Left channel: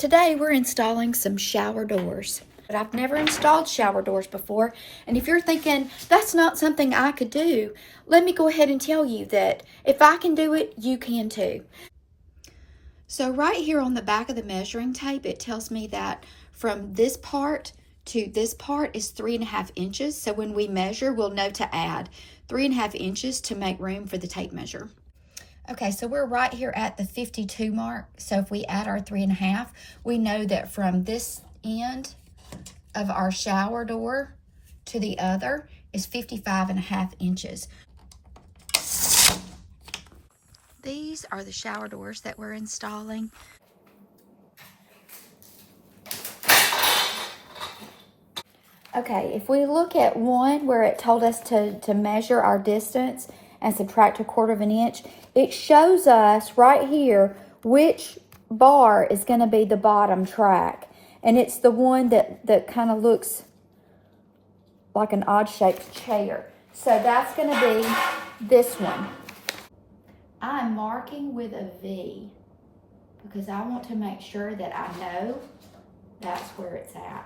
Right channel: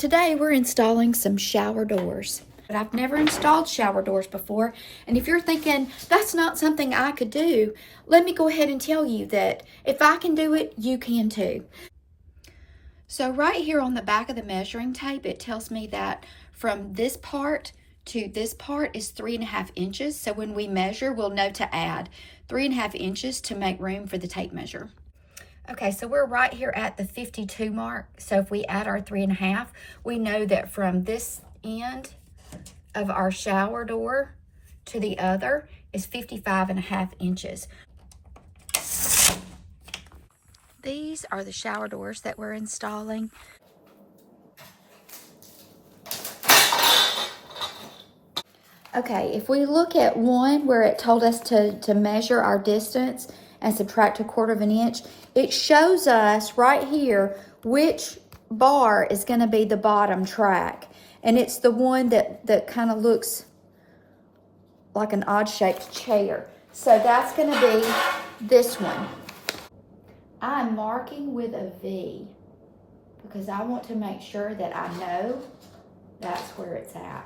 Today we're installing some shower doors, but I've never installed shower doors before. And if you're thinking that's not something I could do, let me go ahead and tell you that if I can do it, you can too. So right here on the back of the measuring tape, it tells me that from this part to this part is 3.5 inches. So when we measure, we'll know to add 3.5 inches to make room for the tape measure. Okay, so we're right here at the 52 mark. So if we add our 3.5, we know that from this end of our shower door to the other is 55.5 inches. These are the shower doors that we're installing. Okay, if we look at one where it told us to measure our distance and subtract 1/4 inch, it shows us right here which bar is going to be the bottom track. And it's the one that kind of looks like an odd-shaped chair. So that's going to be this one. I'm marking with a V because I want to make sure that I know that's where it's at.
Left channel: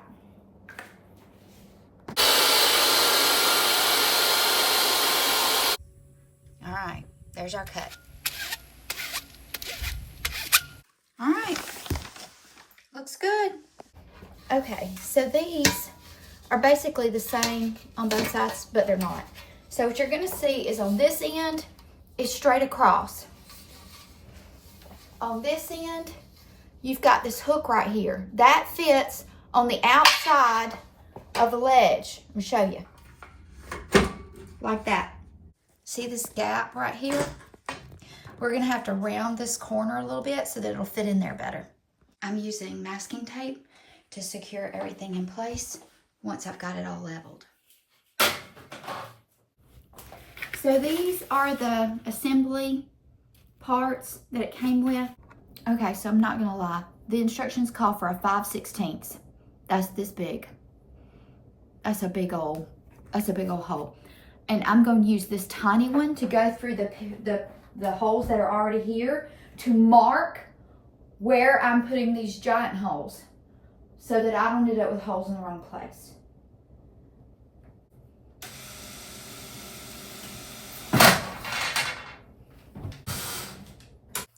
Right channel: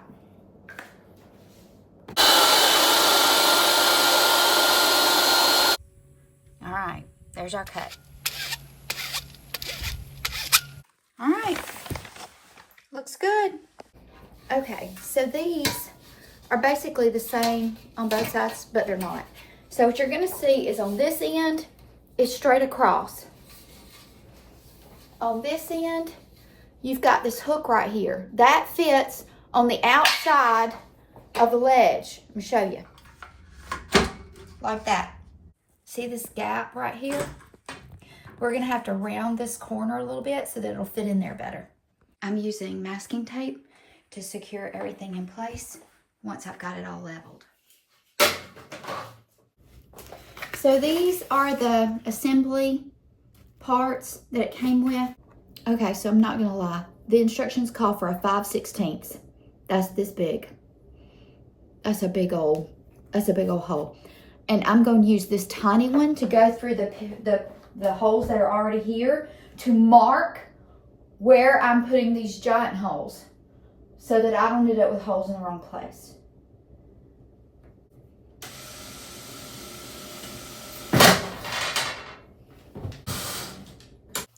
All right, there's our cut. All right, looks good. Okay, so these are basically the same on both sides, but they're not. So what you're gonna see is on this end, it's straight across. On this end, you've got this hook right here. That fits on the outside of the ledge. Let me show you. Like that. See this gap right here? We're gonna have to round this corner a little bit so that it'll fit in there better. I'm using masking tape to secure everything in place once I've got it all leveled. So these are the assembly parts that it came with. Okay, so I'm not gonna lie. The instructions call for a 5/16. That's this big. That's a big old hole. And I'm going to use this tiny one to go through the holes that are already here to mark where I'm putting these giant holes so that I don't end up with holes in the wrong place.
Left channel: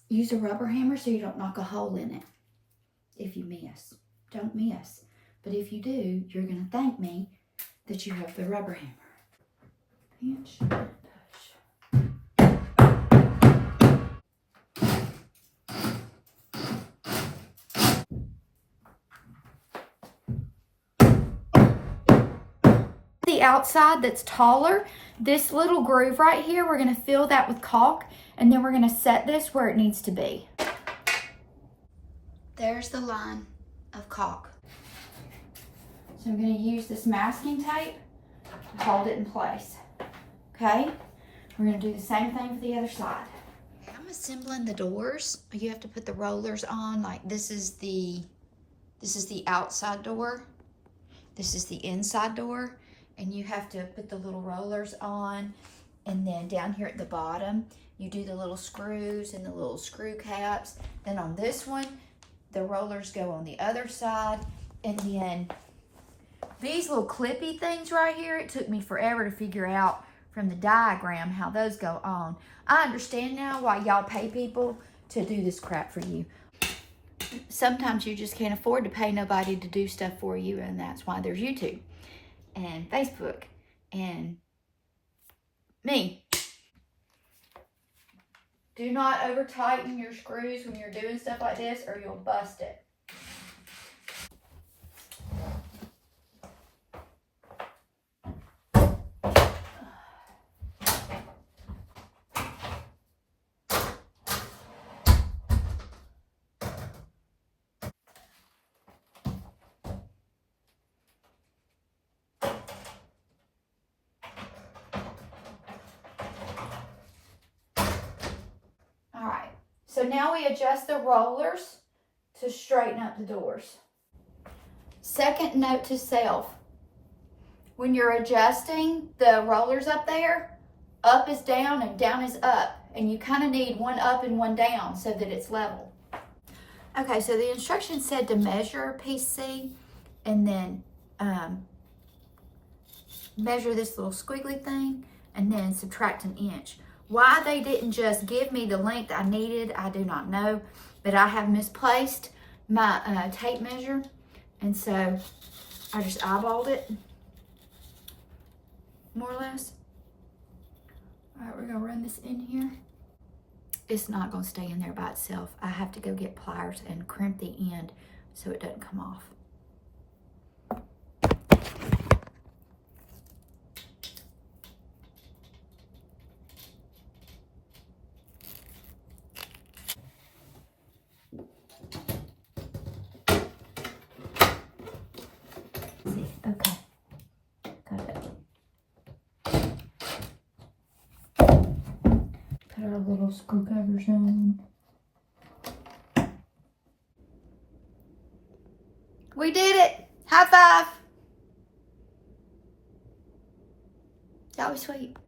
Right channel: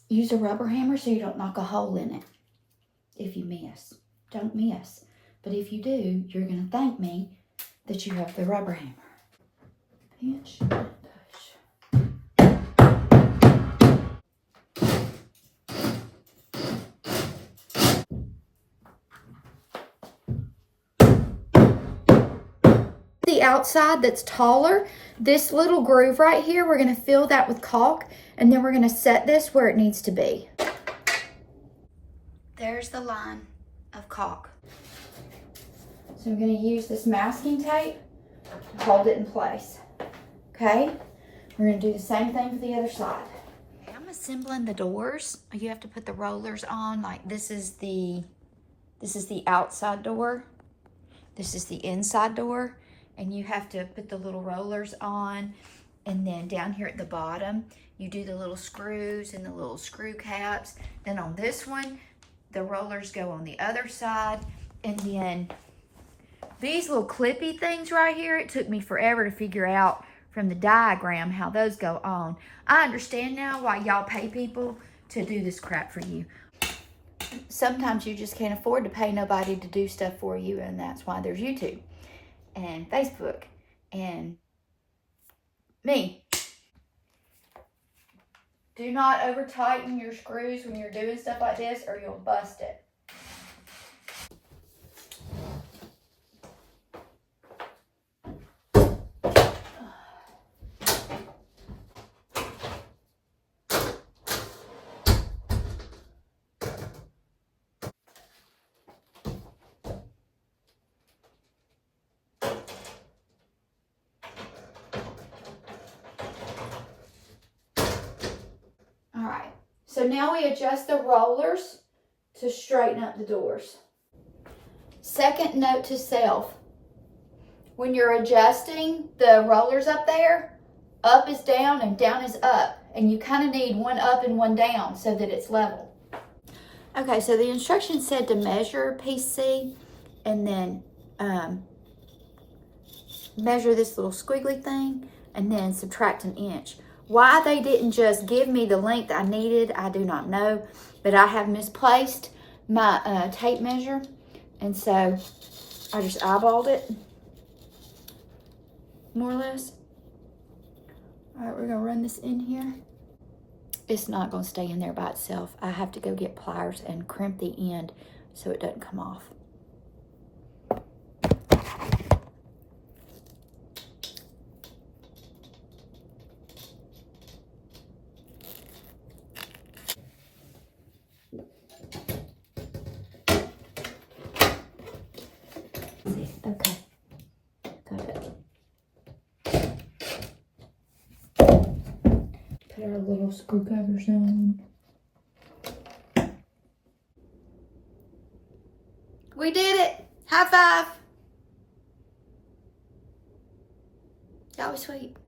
Use a rubber hammer so you don't knock a hole in it. If you miss, don't miss. But if you do, you're going to thank me that you have the rubber hammer. Pinch and push. The outside that's taller, this little groove right here, we're going to fill that with caulk, and then we're going to set this where it needs to be. There's the line of caulk. So I'm going to use this masking tape to hold it in place. Okay, we're going to do the same thing for the other side. Okay, I'm assembling the doors. You have to put the rollers on. Like this is the outside door. This is the inside door. And you have to put the little rollers on. And then down here at the bottom, you do the little screws and the little screw caps. Then on this one, the rollers go on the other side. And then these little clippy things right here, it took me forever to figure out from the diagram how those go on. I understand now why y'all pay people to do this crap for you. Sometimes you just can't afford to pay nobody to do stuff for you, and that's why there's YouTube and Facebook and me. Do not over tighten your screws when you're doing stuff like this or you'll bust it. So now we adjust the rollers to straighten up the doors. Second note to self, when you're adjusting the rollers up there, up is down and down is up. And you kind of need one up and one down so that it's level. Okay, so the instructions said to measure piece C and then measure this little squiggly thing and then subtract an inch. Why they didn't just give me the length I needed, I do not know, but I have misplaced my tape measure, and so I just eyeballed it, more or less. All right, we're gonna run this in here. It's not gonna stay in there by itself. I have to go get pliers and crimp the end so it doesn't come off. Okay, got it. Put our little screw covers on. We did it! High five! That was sweet.